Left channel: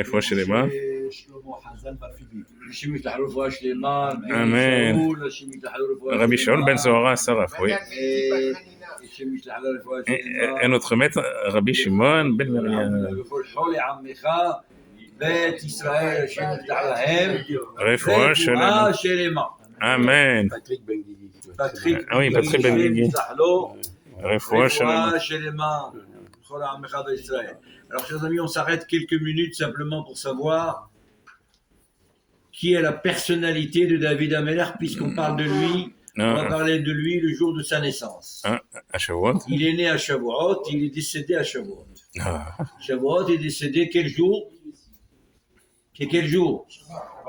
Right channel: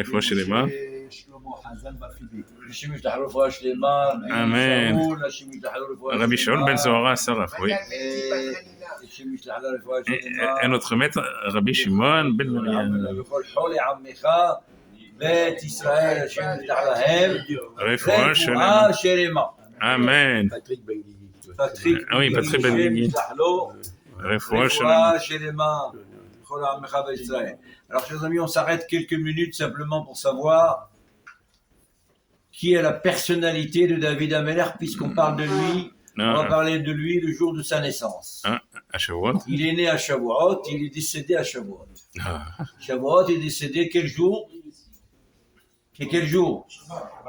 רפואה שלמה. שלמה חזן בפילי. אנשים ישתחררו רפואה שלמה, אמן. אנשים ישתחררו רפואה שלמה. רבי שאול בן זוהרה שרף, oui. אנשים ישתחררו רפואה שלמה. אין notre maître, רבי שמעון בן וכל חולי עמך, בית ישראל, השם יפתח להם, רפואה שלמה. רפואה שלמה. אמן. פטריק oui, Patrick Ben Guigui. יפתח לו, רפואה שלמה. רפואה שלמה. כל עמך בישראל. Alors, chers amis, on s'arrête quelques minutes simplement pour savoir qui est la personnalité de David Ameller, puisqu'on parle de lui, on va parler de lui le jour de sa naissance. À Shavuot. Il est né à Shavuot, il est décédé à Shavuot. Shavuot est décédé quel jour? C'est quel jour?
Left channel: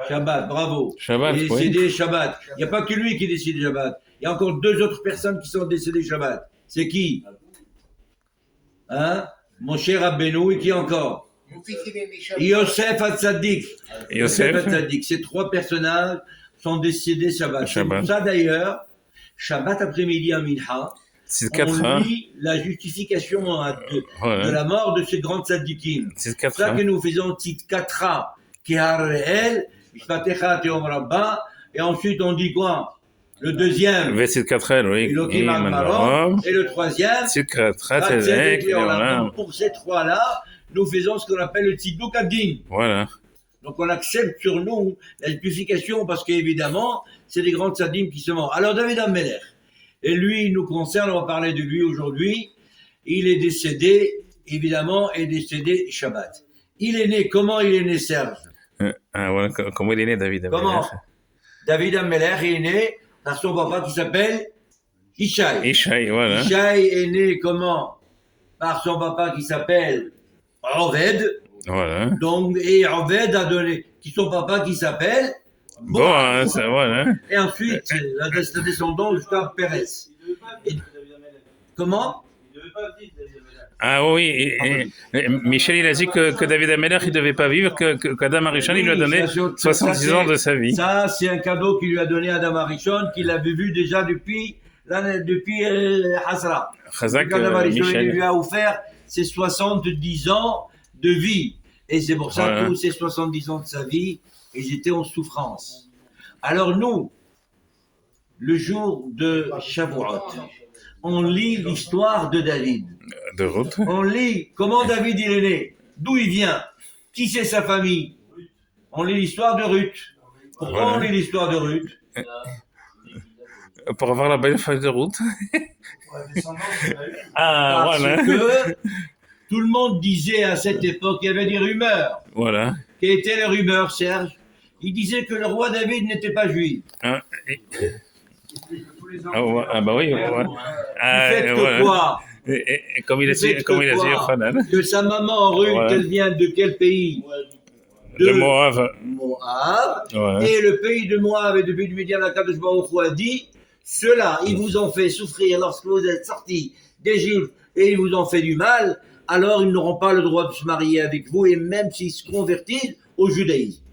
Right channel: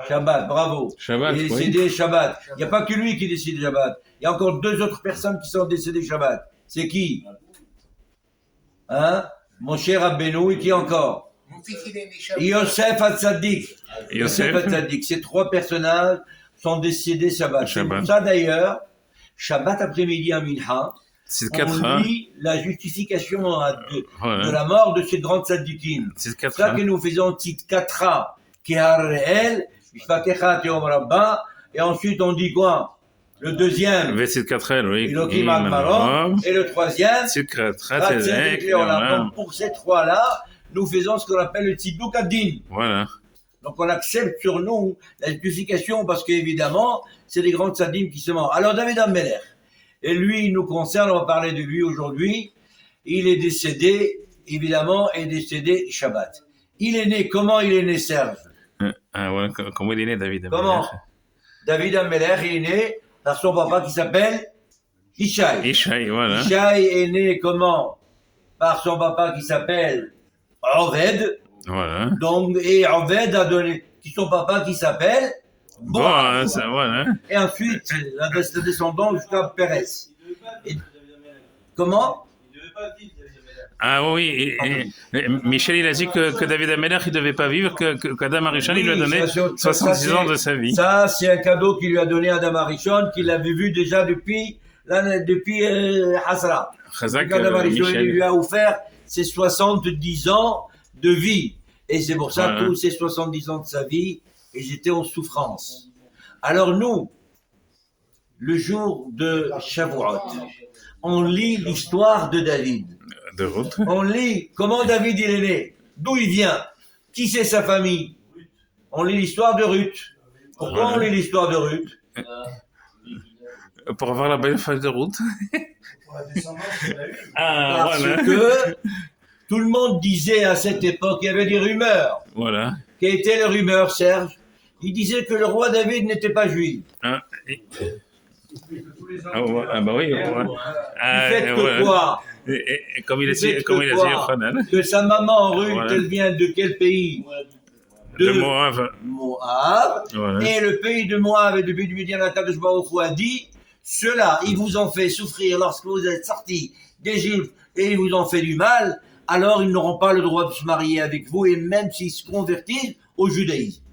Shabbat, bravo. Shabbat, il est décédé Shabbat. Il n'y a pas que lui qui est décédé Shabbat. Il y a encore deux autres personnes qui sont décédées Shabbat. C'est qui? Hein? Moshe Rabbeinu et qui encore? Yosef Hatzadik. Yosef Hatzadik. Ces trois personnages sont décédés Shabbat. C'est pour ça d'ailleurs, Shabbat après-midi en Minha, on lit la justification de la mort de ces grands tzadikim. C'est ça que nous faisons Tzidkatra, Kehareel, Shvatecha Teom Rabba, et ensuite on dit quoi? Le deuxième, oui. Et le troisième, donc pour ces trois-là, nous faisons ce qu'on appelle le Tziduk Adin. Voilà. Donc on accepte sur nous la justification parce qu'évidemment, c'est des grands tzadim qui se mentent. Alors David Ameller, et lui, il nous concerne, on va parler de lui aujourd'hui. Il est décédé, évidemment, Shabbat. Il est né, comment il est né, Serge? Comment il est né, David Ameller? Comment? David Ameller, il est né par son papa qui s'appelle Ishaï. Ishaï, voilà. Ishaï est né comment? Par son papa qui s'appelle Oved. Voilà. Donc, et Oved a donné son papa qui s'appelle Boaz. Voilà. Et ensuite, la descendance jusqu'à Pérez. Comment? Ah oui, Michel, il a dit que David Ameller, il ne devait pas vivre, qu'Adam Arishon, il lui a donné 70 ans de sa vie. Ça, c'est un cadeau qu'il lui a donné Adam Arishon, qu'il avait vu déjà depuis Hazra. Adam Arishon, il lui a offert ses 70 ans de vie. Et c'est pour ça que tous ces 70 ans de sa vie, ils étaient en souffrance. Alors nous, le jour de Shavuot, on lit l'histoire de David. De Ruth. On lit comment David il est né, d'où il vient, qui c'est sa famille. On lit l'histoire de Ruth. Pourquoi on lit l'histoire de Ruth? Pour avoir la belle feuille de Ruth. Parce que tout le monde disait à cette époque, il y avait des rumeurs. Voilà. Quelles étaient les rumeurs, Serge? Il disait que le roi David n'était pas juif. Bah oui. Du fait que quoi? Et comme il a dit que sa maman Ruth, elle vient de quel pays? De Moab. Et le pays de Moab et depuis du Midian, la Kadosh Baruch Hu a dit, ceux-là, ils vous ont fait souffrir lorsque vous êtes sortis d'Égypte et ils vous ont fait du mal, alors ils n'auront pas le droit de se marier avec vous et même s'ils se convertissent au judaïsme.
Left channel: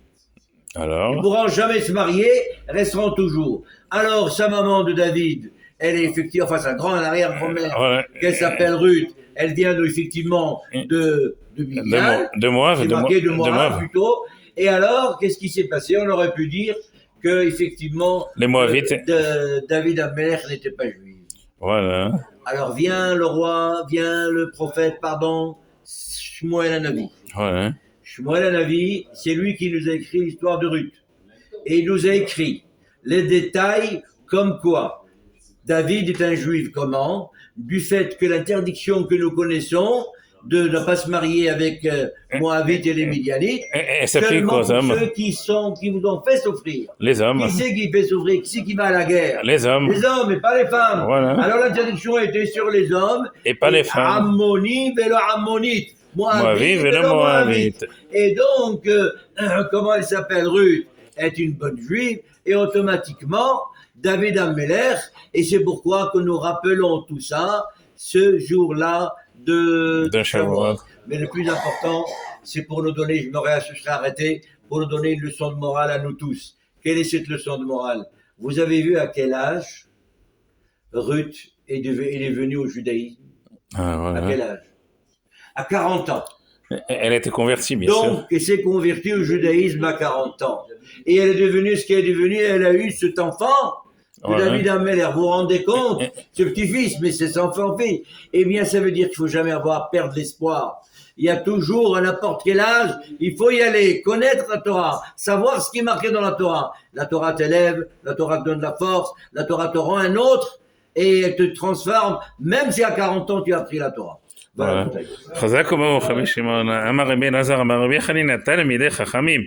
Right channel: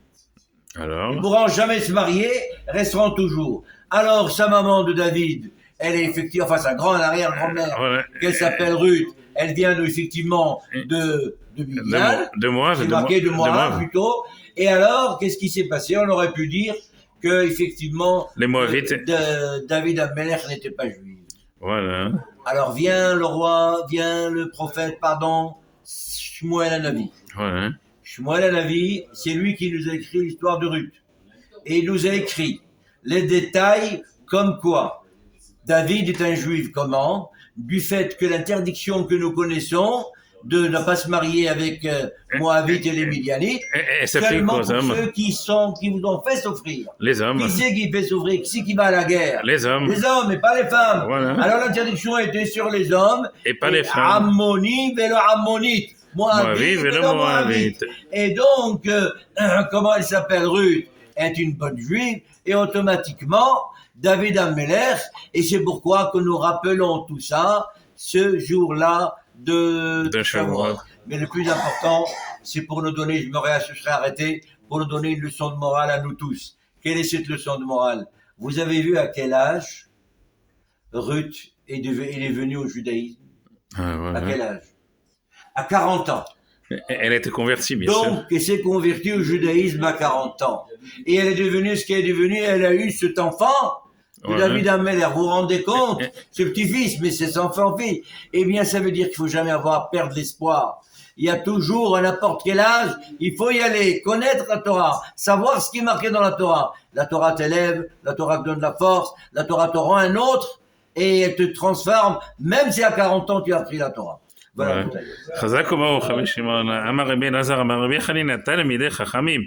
Alors? Ils ne pourront jamais se marier, resteront toujours. Alors, sa maman de David, elle est effectivement, enfin sa arrière-grand-mère, qu'elle s'appelle Ruth, elle vient effectivement de Midian, de Moab, c'est marqué de Moab plutôt. Et alors, qu'est-ce qui s'est passé? On aurait pu dire que effectivement, les Moabites, David Ameller n'était pas juif. Voilà. Alors vient le prophète, Shmuel Hanavi. Voilà. Shmuel Hanavi, c'est lui qui nous a écrit l'histoire de Ruth. Et il nous a écrit les détails comme quoi David est un juif. Comment? Du fait que l'interdiction que nous connaissons de ne pas se marier avec Moabites et les Midianites, seulement pour ceux qui vous ont fait souffrir. Les hommes. Qui c'est qui fait souffrir? Qui c'est qui va à la guerre? Les hommes. Les hommes et pas les femmes. Voilà. Alors l'interdiction était sur les hommes et pas les femmes. Ammonites et le Ammonite. Moabites et le Moabite. Et donc, comment elle s'appelle? Ruth est une bonne juive et automatiquement David Ameller, et c'est pourquoi que nous rappelons tout ça ce jour-là de Shavuot. Mais le plus important, c'est pour nous donner, je serais arrêté, pour nous donner une leçon de morale à nous tous. Quelle est cette leçon de morale? Vous avez vu à quel âge Ruth est venue au judaïsme? Voilà. À quel âge? À 40 ans. Elle était convertie, bien sûr. Donc, elle s'est convertie au judaïsme à 40 ans. Et elle est devenue ce qu'elle est devenue. Elle a eu cet enfant de Ouais. David Ameller. Vous vous rendez compte? Ce petit-fils, mais c'est son enfant-fils. Eh bien, ça veut dire qu'il faut jamais perdre l'espoir. Il y a toujours, à n'importe quel âge, il faut y aller, connaître la Torah, savoir ce qui est marqué dans la Torah. La Torah t'élève, la Torah te donne de la force, la Torah te rend un autre, et elle te transforme, même si à 40 ans tu as appris la Torah. Voilà. חזק וברוך רבי שמעון, אמר רבי אלעזר, אמר רבי חנינא תלמידי חכמים.